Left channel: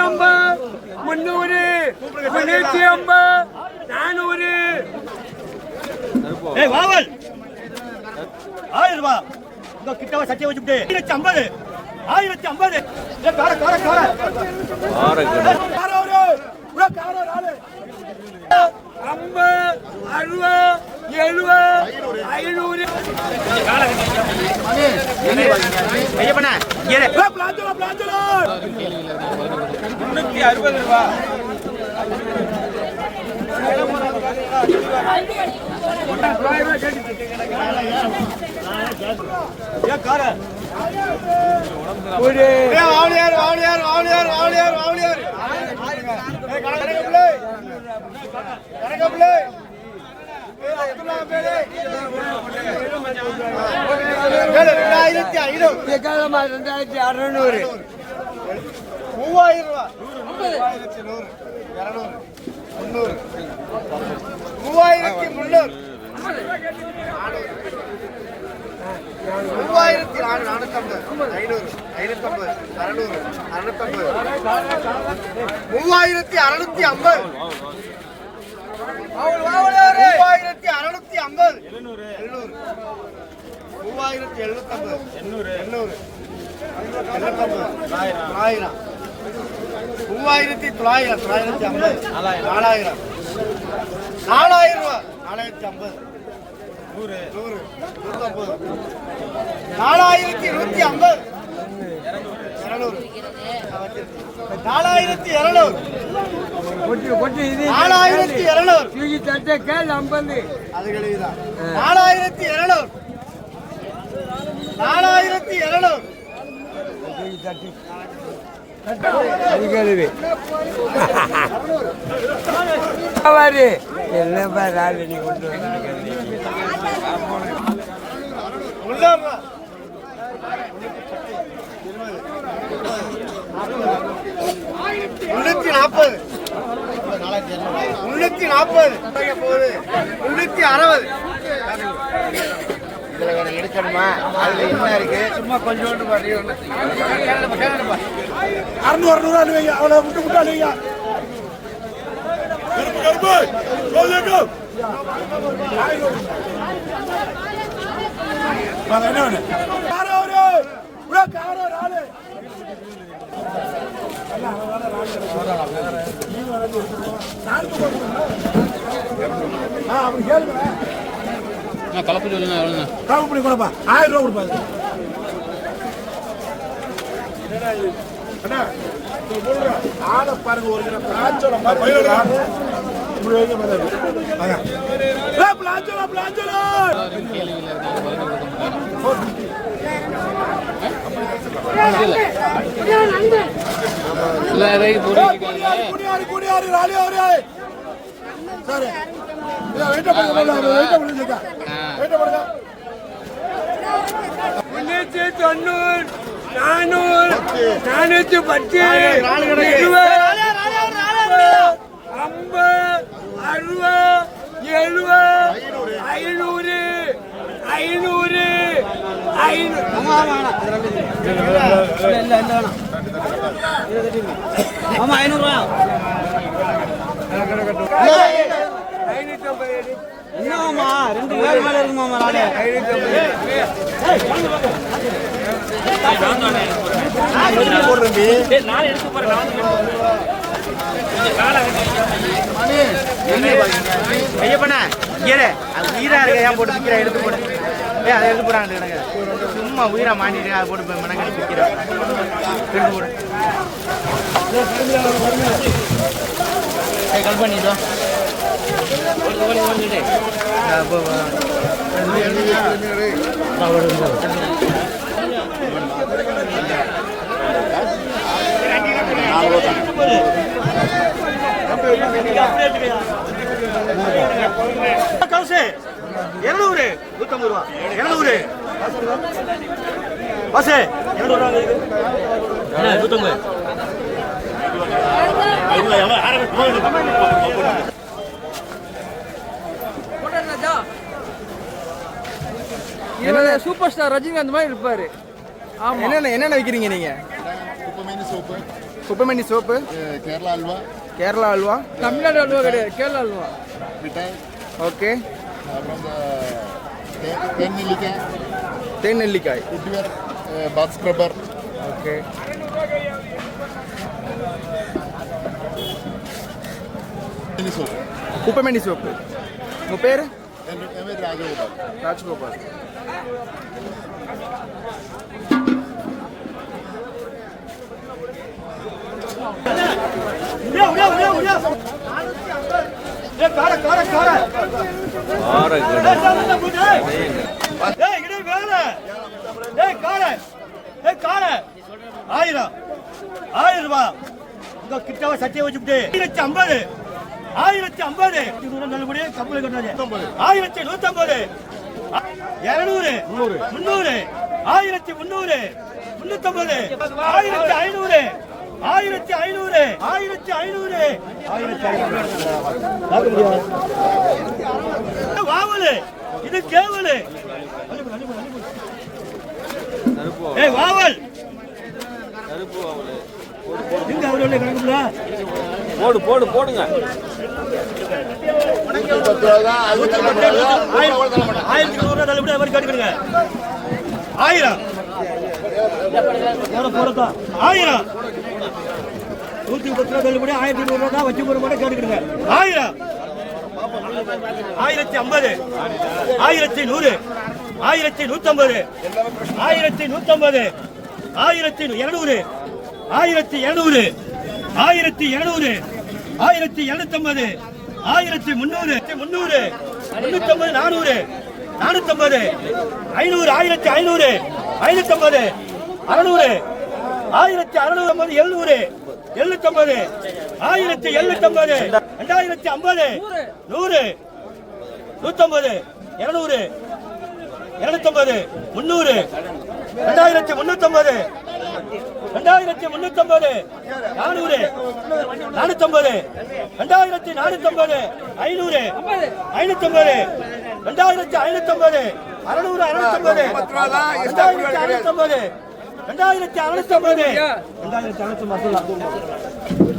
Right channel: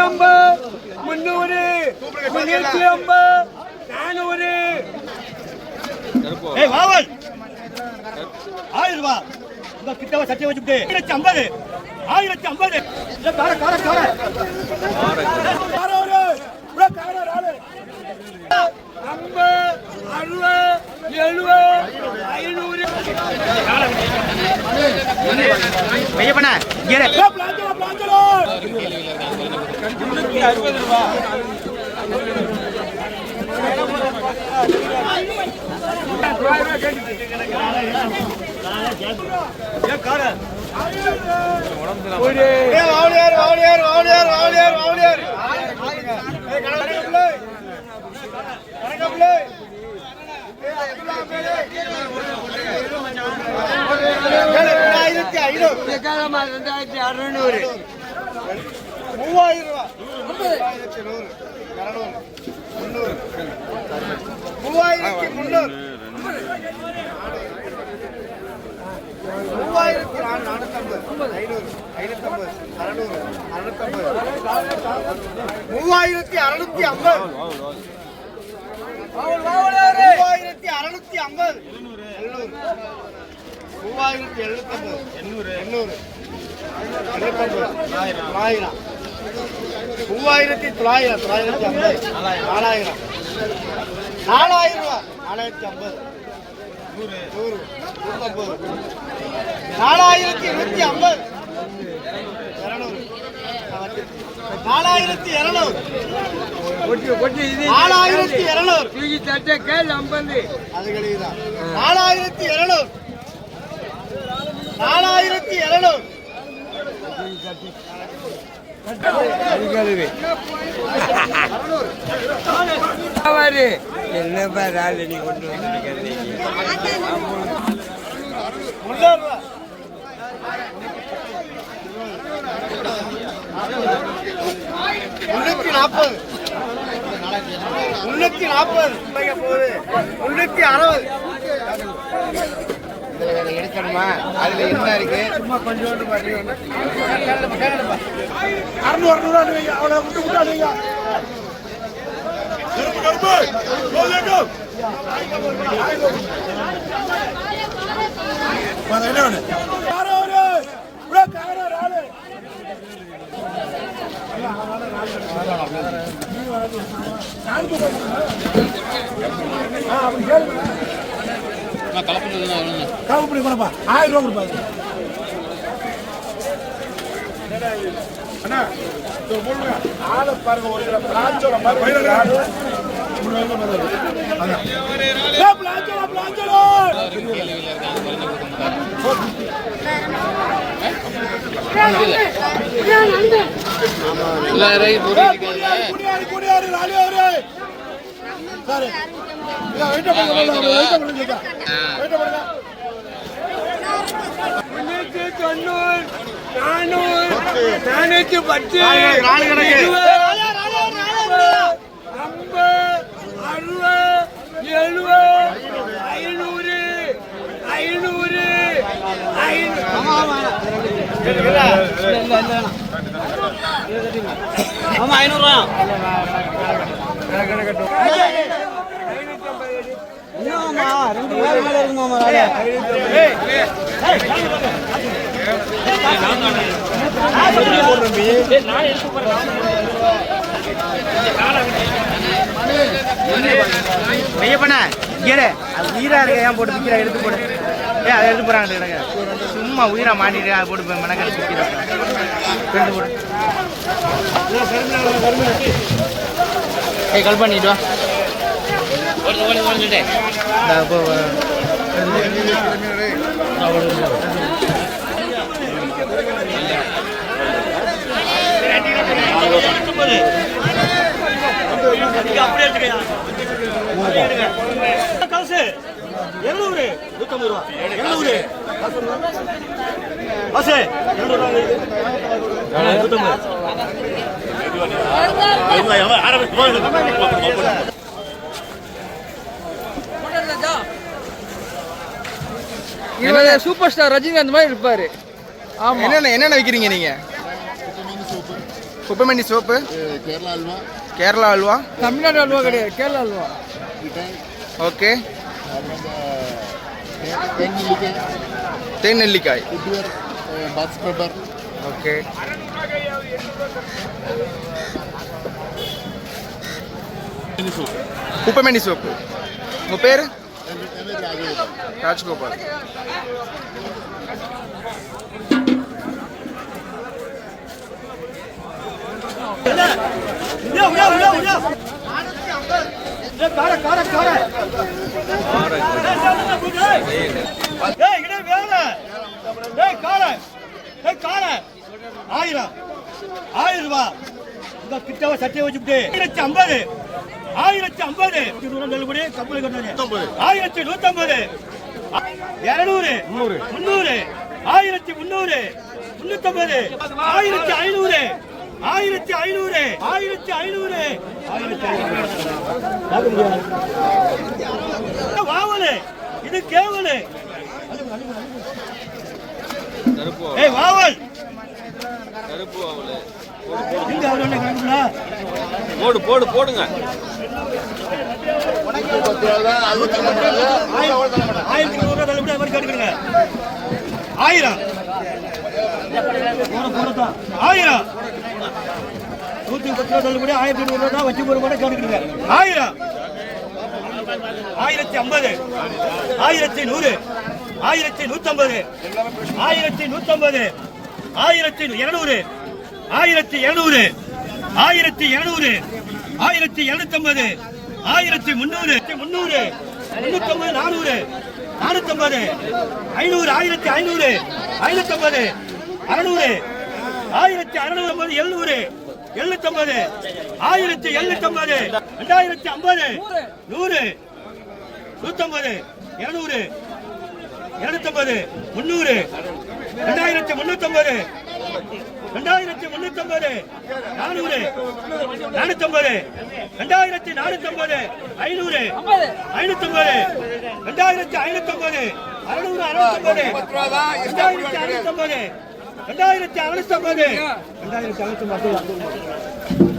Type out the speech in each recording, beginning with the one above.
350, 350, 400. ஏய் வாவல் 1000 ரூபாய் இந்த கிட்டவ சட்டை வச்சுட்டு 1050 1050 ஏ கார கார கார காரோரு ப்ரோ காரோரு ஆளு 50, 60, 70, 500. கால ஐயா பண்ண இங்க பிளாஞ்சோ 360 ரூபாய் எடுக்கணுமா அதுல என்ன இருக்கு சும்மா கொஞ்சோண்டு கலப்பு கொடுப்பா 1000 ரூபாய் கொடுப்பா ஆளை பாருங்க ஒரு கிலோ பிளாஞ்சோல மாதிரி சும்மா உயிரை மாட்டிட்டு அதை போட்டு கல் பண்ணிட்டு காசு 200 150 ரூபா 200 பஸ் 200 ரூபா 150 சூப்பர் ஸ்டார் ரஜினிகாந்த் மாதிரி இருப்பாரு. ஆமா, என்னென்ன விக்கிறீங்க நீங்க? குப்பைமணி சோப்பு, கேரளா அல்வா, கேரளா அல்வா, தமிழ்நாடு அல்வா கிடையாது, கேரளா அல்வா. மிட்டாய், ஓகே, அப்புறம் இந்த தேன் நெல்லிக்காய், தேன் நெல்லிக்காய், குட்டியர், பாத் ஸ்க்ரப்பர், ஓகே, சோப். குப்பைமணி சோப்பு. உங்கள் பேர்? என் பேர் ராஜகோபால். ராஜ்கோபால். கிட்டவ சத்திய வச்சுட்டு 1050 1050 நல்லபடியே கப்பல் கட்டாது 1150 200 300 1300 350 1500 1500 1500 வாவலு இது கேவலு ஏய் வாவல் எங்க அவரோட கணக்குல போடுங்க. 1100 தள்ளுபடி அவர் கேட்டுக்கங்க 1000 போறதான் 1000 110 ரூபா தள்ளுபடி 1200 தான் வச்சு போற மாதிரி கேட்டுக்கங்க 1000 1050 1100 1150 1150 1200 1200 1200 1250 1300 300 350 400 450 500 1500 550 600 1650 700 750 1750 2050 100 150 200 250 300 2350 2350 400 450 2450 500 550 2550 600 650 2550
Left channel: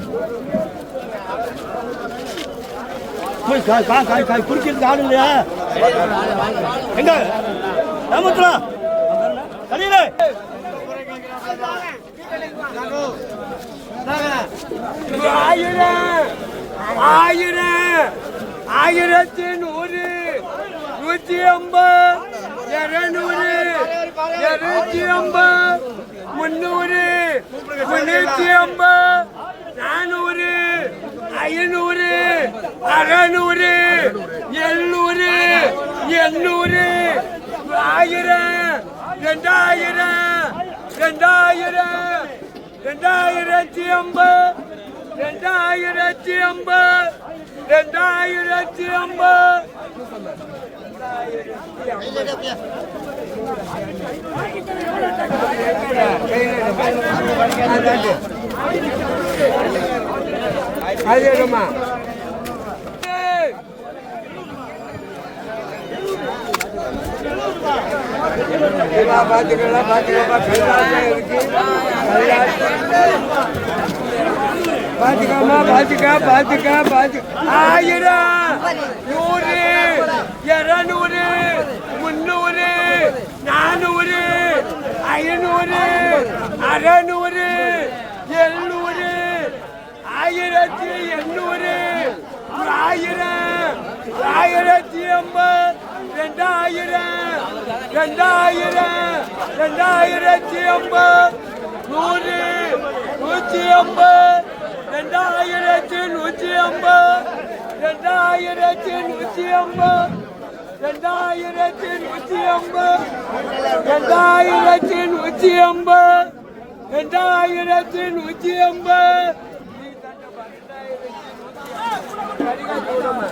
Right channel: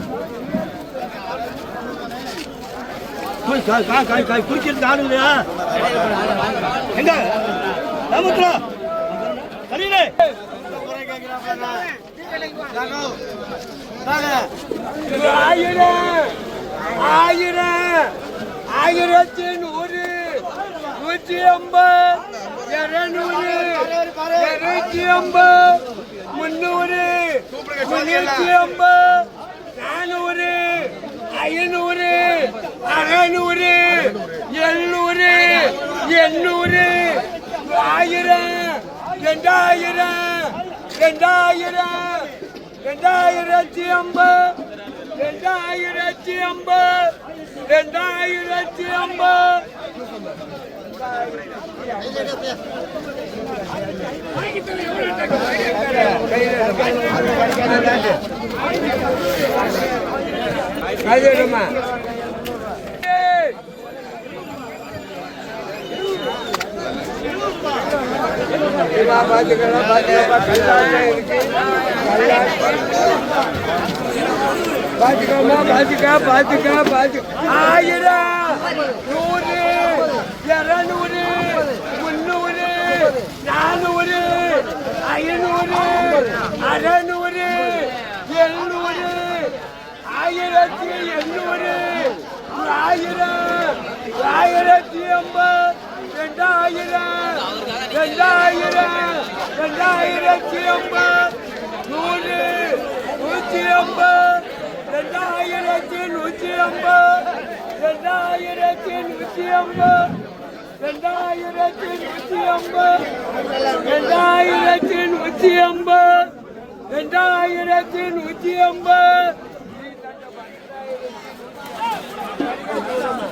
2650 காய் குடிக்கிறது ஆளுங்களா எங்க ராமத்ரா கலியிலே ஆயிரத்தி 100 150 200 250 300 350 400 500 600 700 800 1000 2000 2000 2050 2050 2050 பாத்துக்கா 1000 100 200 300 400 500 600 700 1800 1000 1050 2000 2000 2050 100 150 2150 2150